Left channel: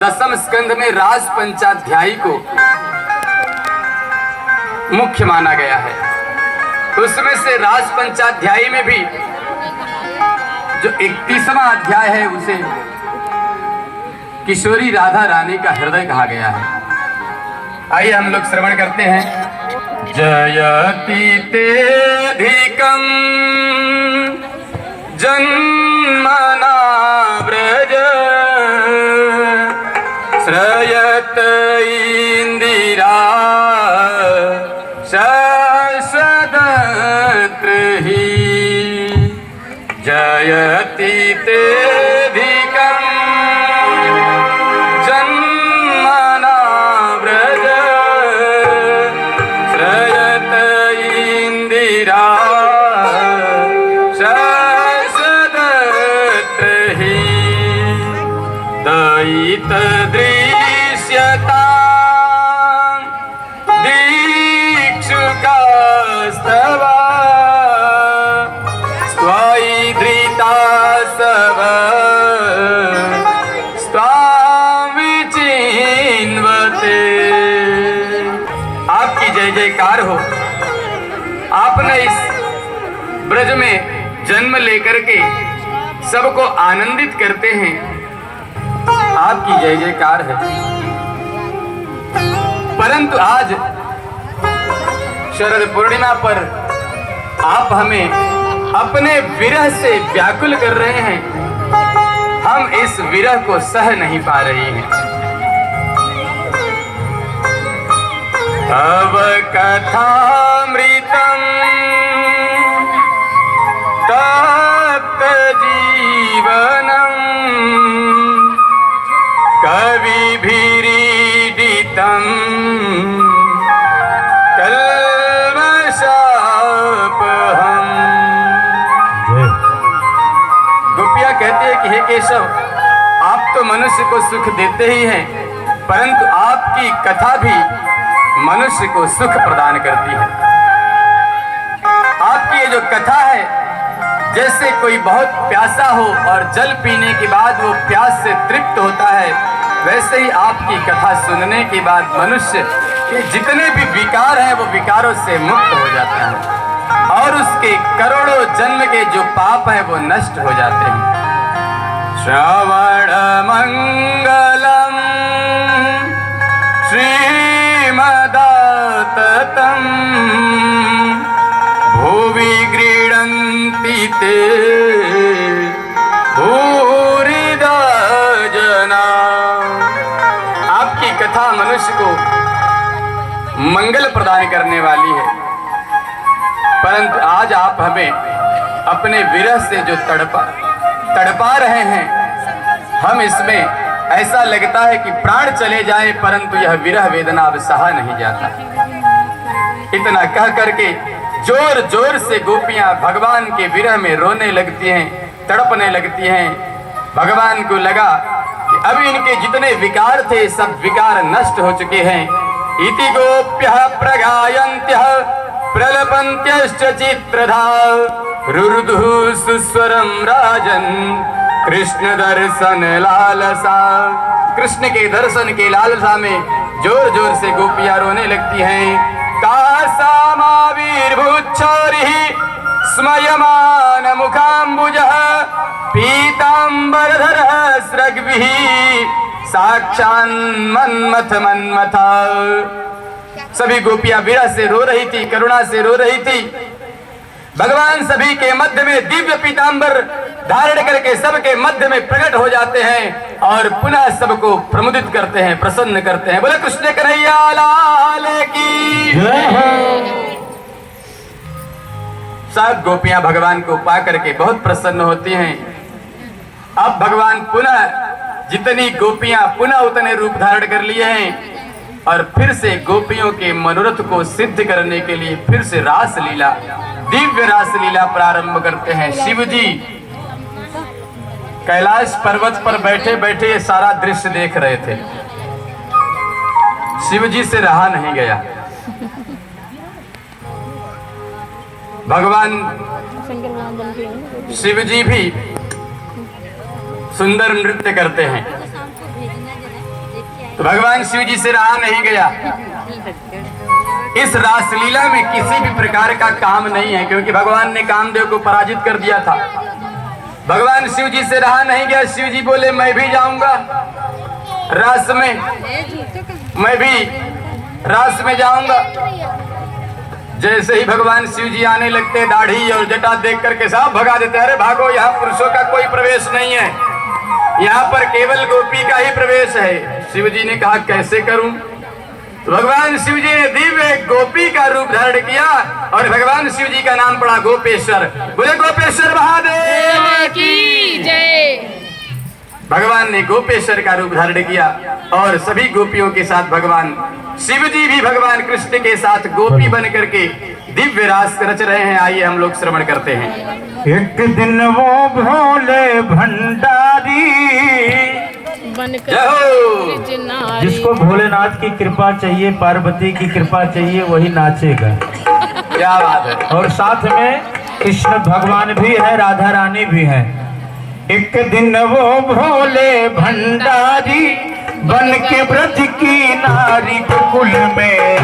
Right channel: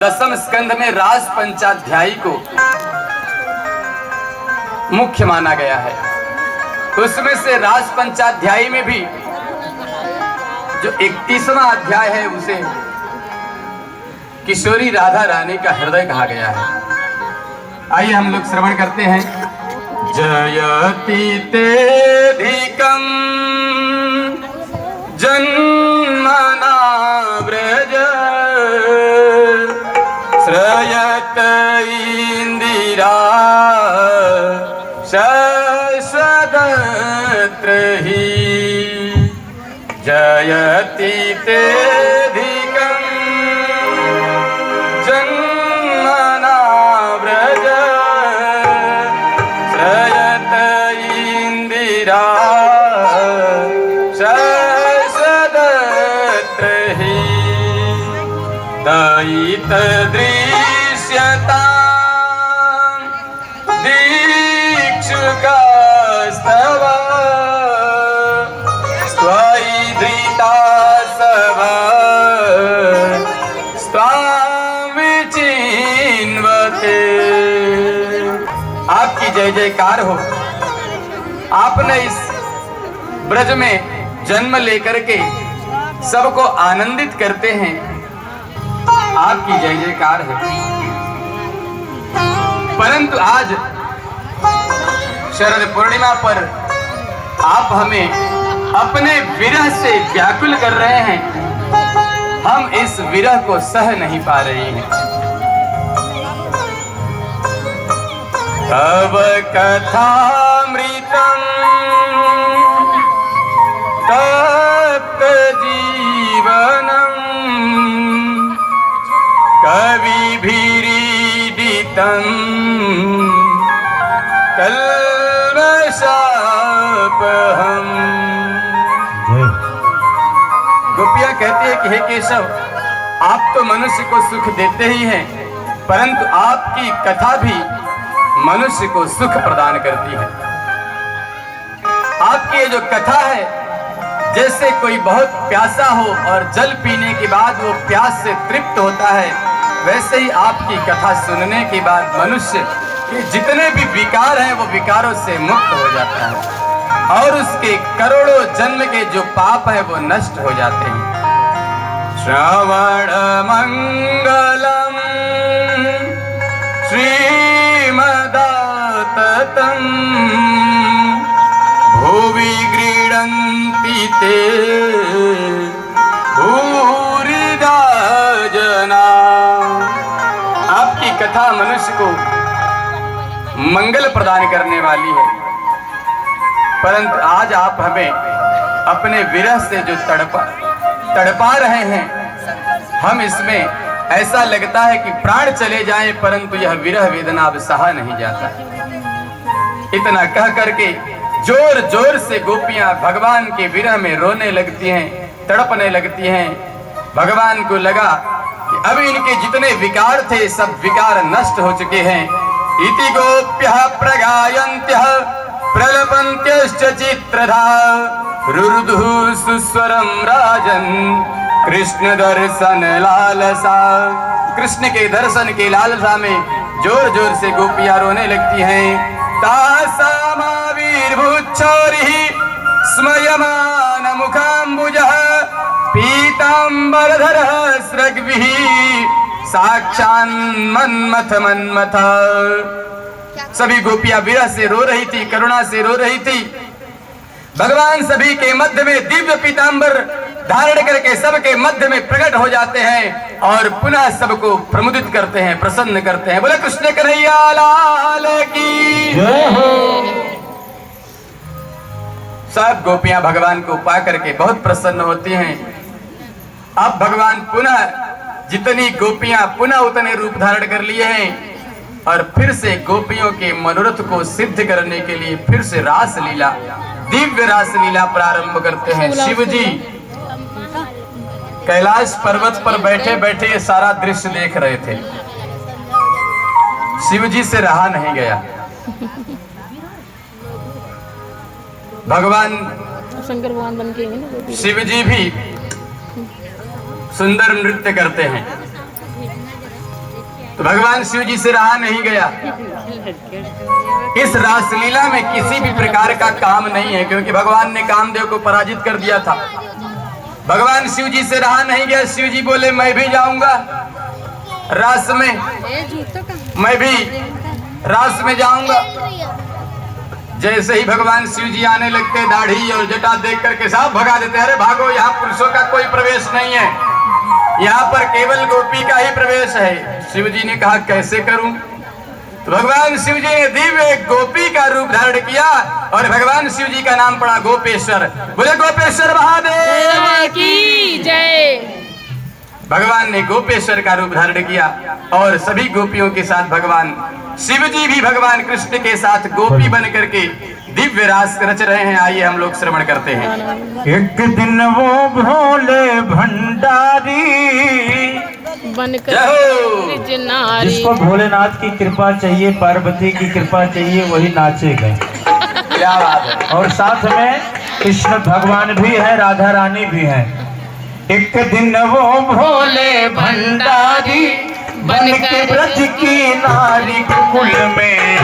दसम स्कंद में राज पंचाध्यायी को मुख्य माना गया है। उसमें से राज पंचाध्यायी में भी जो 31वां अध्याय है उसे किशोरी राधा रानी का हृदय कहा गया है। आइए हम लोग श्रवण करते हैं। जयति तेधिकं जन्मना व्रज श्रयत इंदिरा शश्वदत्र हि जयति तेधिकं जन्मना व्रज श्रयत इंदिरा शश्वदत्र हि दयित दृश्यता दीक्षुकास्तव स्वायि धृता सव स्वां विचिन्वते। आपकी जय जयकार हो। आपने इस ब्रज में जन्म लेकर के सबको आनंदित करते हैं। आपकी जय जयकार है। परंतु आज शरद पूर्णिमा पर आप हमें अपने विरह से व्याकुल कर रहे हैं। हम इस विरह को सह नहीं पा रहे हैं। तव कथामृतं तप्त जीवनम् कविभिरीडितं कल्मषापहम्। गोपियां कहते हैं कि हे केशव, आप तो मनुष्य को सुख देते ही हैं, परंतु आपकी कथा भी मनुष्य को सुख प्रदान करती है। आपकी ये जो कथा है, जैसे कोई बहुत प्यासा हो और जल पीने के बाद वो प्यास से तृप्त होता है, वैसे ही आपकी कथा सुनने के बाद मनुष्य के जितने भी विकार हैं वो विकारों से मुक्त हो जाता है और उसके करोड़ों जन्म के जो पाप हैं वो नष्ट हो जाते हैं। श्रवण मंगलम श्रीमदाततं भुवि गृह्णन्ति ते भूरिदा जना। आपकी कथा मनुष्य को मंगल प्रदान करने वाली है, परंतु आज आप हमें अपने विरह से जो तड़पा रहे हैं, हम इसमें ऐसा लगता है कि प्राण चले जाएं, परंतु यह विरह वेदना अब सहा नहीं जाता। इतना कह करके जोर जोर से गोपियां भगवान के विरह में रोने लगती हैं, तड़पने लगती हैं। भगवान को लगा कि अब इनके जितने विकार थे सब विकार नष्ट हो चुके हैं। इति गोप्यः प्रगायन्त्यः प्रलपन्त्यश्च चित्रधा रुरुदुः सुस्वरं राजन् कृष्ण दर्शन लालसा। कृष्ण के दर्शन के लालसा में जोर जोर से गोपियां रोने लगती हैं। तासामाविर्भूच्छोरिः स्मयमान मुखाम्बुजः पीताम्बरधरः स्रग्भिः साक्षान्मन्मथ मन्मथ। सभी गोपियां विरह से रो रही थी, करुणा से रो रही थी। भगवान सभी के मध्य में दिव्य पीताम्बर धारण करके सबके मध्य में प्रकट हो जाते हैं और पुनः सबको प्रमुदित करते हैं, प्रसन्न करते हैं। बोले कृष्ण कन्हैया लाल की जय हो। सब गोपियां भगवान को पा करके बहुत प्रसन्न होती हैं। अब भगवान पुनः जितनी गोपियां पुनः उतने रूप धारण कर लिए हैं और फिर से गोपियों के मनोरथ को सिद्ध करने के लिए फिर से रास लीला, दिव्य रास लीला प्रारंभ करते हैं। शिव जी कैलाश पर्वत पर बैठे बैठे ये सारा दृश्य देख रहे थे। शिव जी से रहा नहीं गया। भगवान शंकर भगवान बन के शिव जी भी सुंदर नृत्य करते हैं। तो भगवान शिव जी से रहा नहीं गया। इस रासलीला में किसी भी प्रकार का काम नहीं है, क्योंकि भगवान ने कामदेव को पराजित कर दिया था। भगवान शिव जी से रहा नहीं गया। शिव जी बोले मैं भी जाऊंगा रास में, मैं भी रास में जाऊंगा। जैसे ही भगवान शिव जी आने लगते, दाढ़ी और जटा देख करके सब भगा देते, अरे भागो, यहाँ पुरुषों का कोई प्रवेश नहीं है, यहाँ पर केवल गोपी का ही प्रवेश है। शिव जी ने कहा कैसे करूं? तो भगवान शिव जी ने दिव्य गोपी का रूप धारण किया और भगवान शिव जी का नाम पड़ा गोपेश्वर। बोले गोपेश्वर महादेव की जय। भगवान ने गोपेश्वर का रूप धारण किया और सभी गोपियों के साथ भगवान शिव जी भी भगवान कृष्ण के साथ गोपी बन करके दिव्य रास रच रहे हैं। आइए हम लोग श्रवण करते हैं। एक दिन वो भोले भंडारी बनकर जिसको भोलेनाथ की कृपा चाहिए, पार्वती की कृपा चाहिए, वही नाचेगा। क्या बात है। और साथ में कृष्ण भगवान भी है, राधा रानी भी है। एक दिन वो भोले भंडारी बन के ब्रज की नारी के कुल में